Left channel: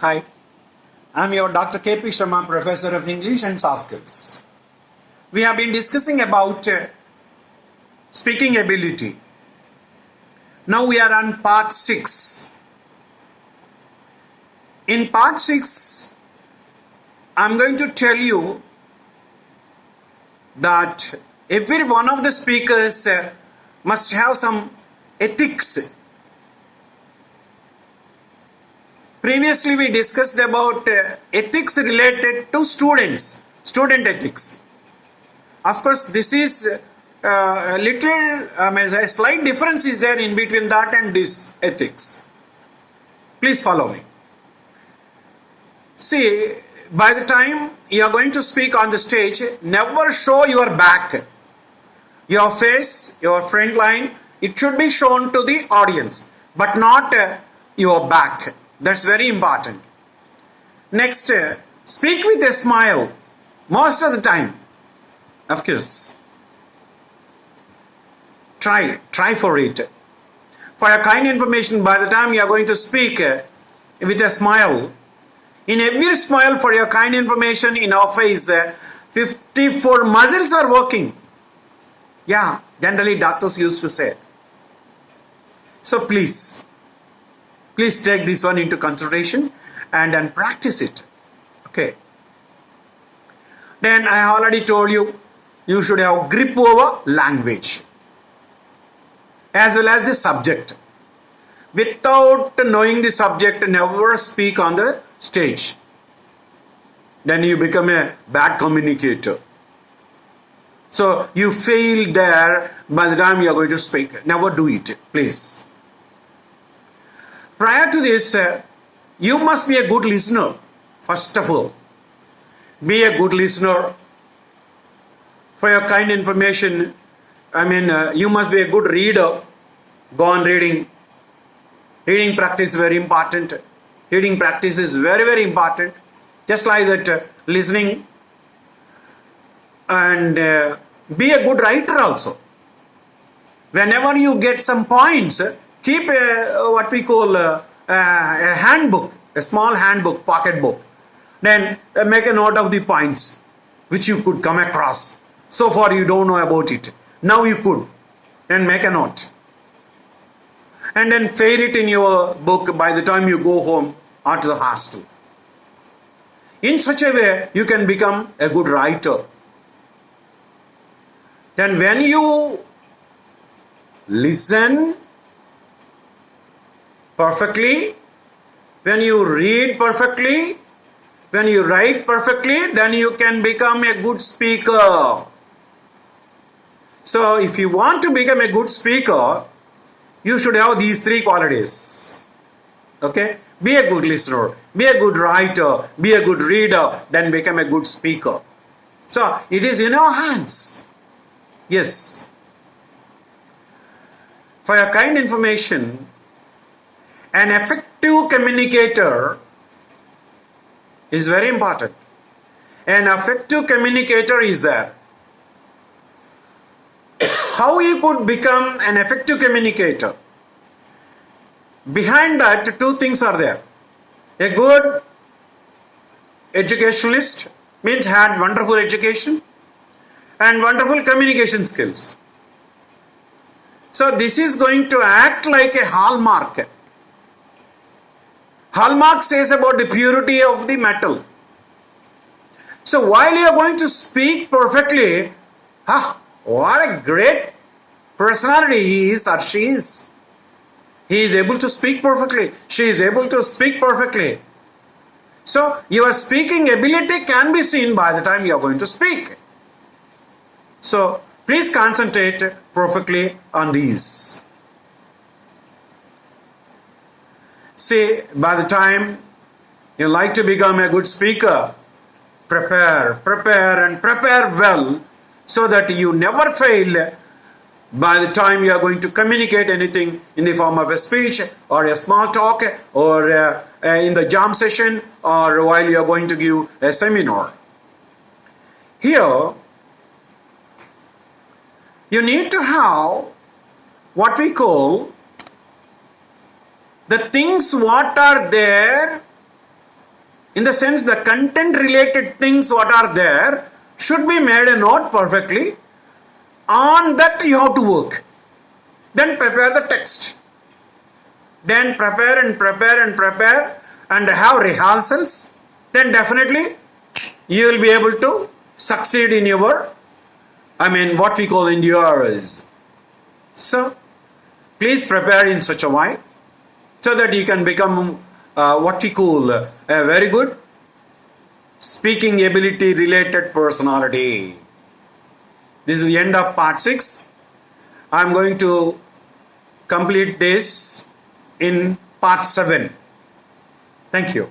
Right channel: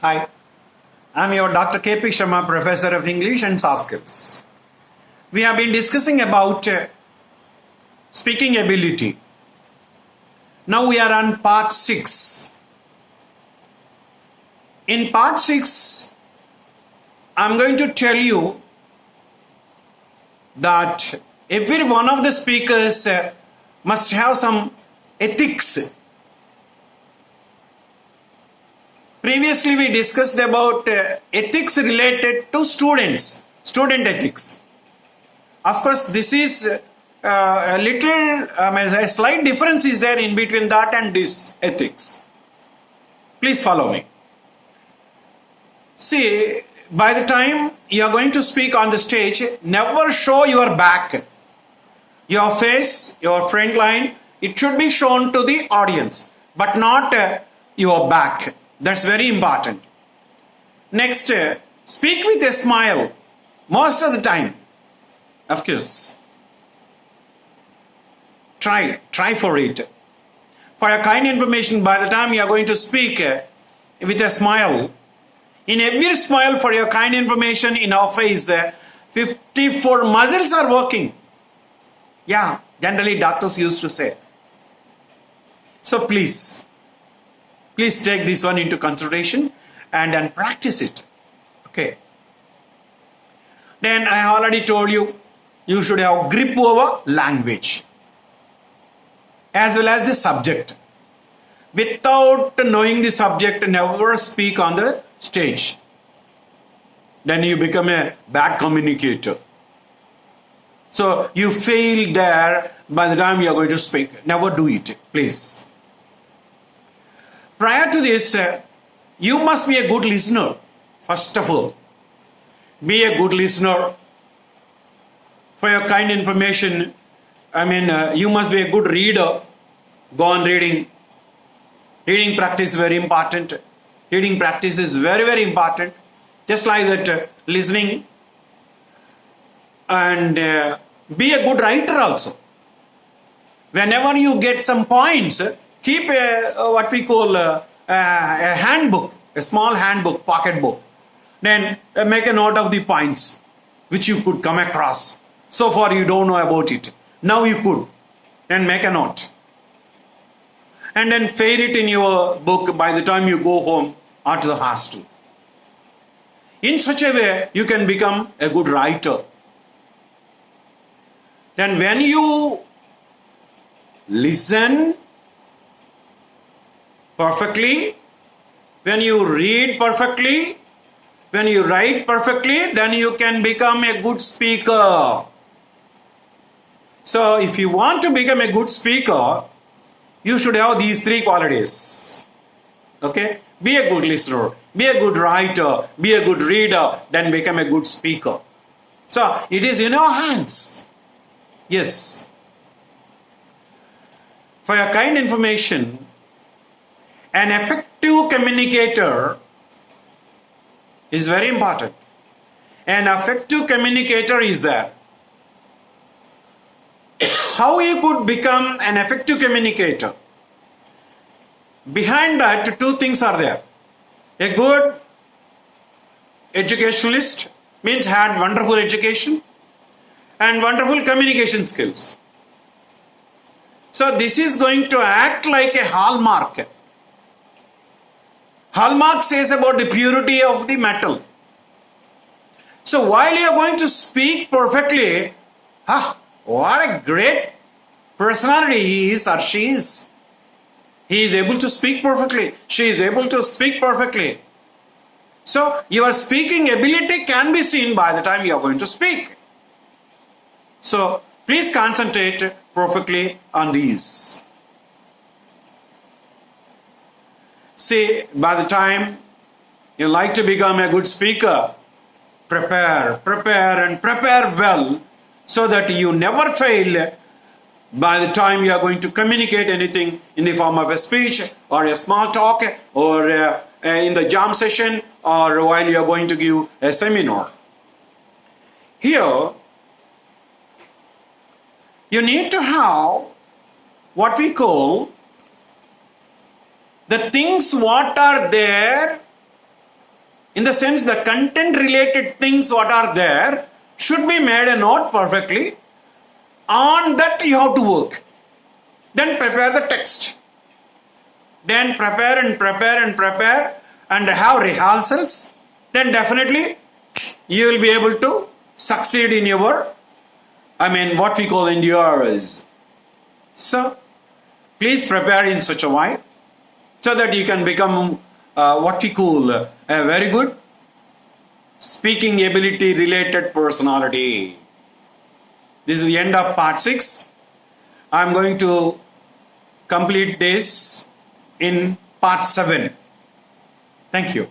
Hi, I'm your Dr. K.P.Sarma, Professor of English and Softskills. We have been discussing about speaking ability. Now we are on part 6. In part 6, I'm going to tell you that every one of the speakers must have some ethics. Previously we discussed about ethics related to student ethics. Of course, this is a slight difference is there in between that and this ethics. Please follow me. See, by the time you are going to speak on the stage, never show your back. Your face, your front line, it should be shown to the audience, but not your back. That's very important. Next, speak with a smile most of the time. Of course. Try for it. For your kind information, by the time you are going to speak with a smile, in every smile for your kind information in our face, 54 muscles are working. Yeah, generally doctors used to say. So please take this one into consideration and then practice it. Okay. Then I already told you, you should have grip over language as well as the subject. Without knowing the subject, never speak on the stage. Then you become a bad communicator. So you fail there by the time you are going to speak. Never do it, please. Prior to this, you must be a good listener. First of all, be a good listener. For your kind information, you must be a good reader. Go on reading. Reading practice is very important. Reading practice is very, very important. Just like that, listening. And be a good writer also. Whenever you get some points, keep what we call a handbook, a small handbook, pocket book. Then make a note of the points which you could come across. So far you don't know about it. Now you could. Then make a note. And then fail it in your book by the time you go home or to the hostel. In such a way, you can become a good writer. Then when you listen perfectly, when you read perfectly, when you write perfectly, then you can become a good speaker. So if you want to become a good speaker, you should have these 3 qualities. Okay? Be a good listener, be a good writer, be a good reader, then become a good speaker. So it is in your hands. Yes. For your kind information, an effective communicator is very important. An effective communicator is there. How you could become an effective communicator? Behind that, 2 things are there. A good educationalist means had wonderful education and wonderful communication skills. So this is going to act like a hallmark. Hallmark says about the purity of the metal. So while you are going to speak perfectly, what a great personality he is or she is. He is able to speak perfectly. She is able to speak perfectly. So your speaking ability can be seen by the time you are going to speak. So please concentrate perfectly on these. See, by the time you like to become a good speaker, prepare well so that you never fail by the time you are going to communicate anything in the form of a speech or a small talk or in the jam session or while you are going to give a seminar. Here, you need to have what we call the things what are there In the sense, the content related things what are there should be made a note perfectly. On that you have to work. Then prepare the text. Then prepare and have rehearsals. Then definitely you will be able to succeed in your, what we call endurance. So please prepare in such a way so that you can become what we call a very good speaking ability related personality. This is the end of part 6. I am going to complete this in part 7. Thank you.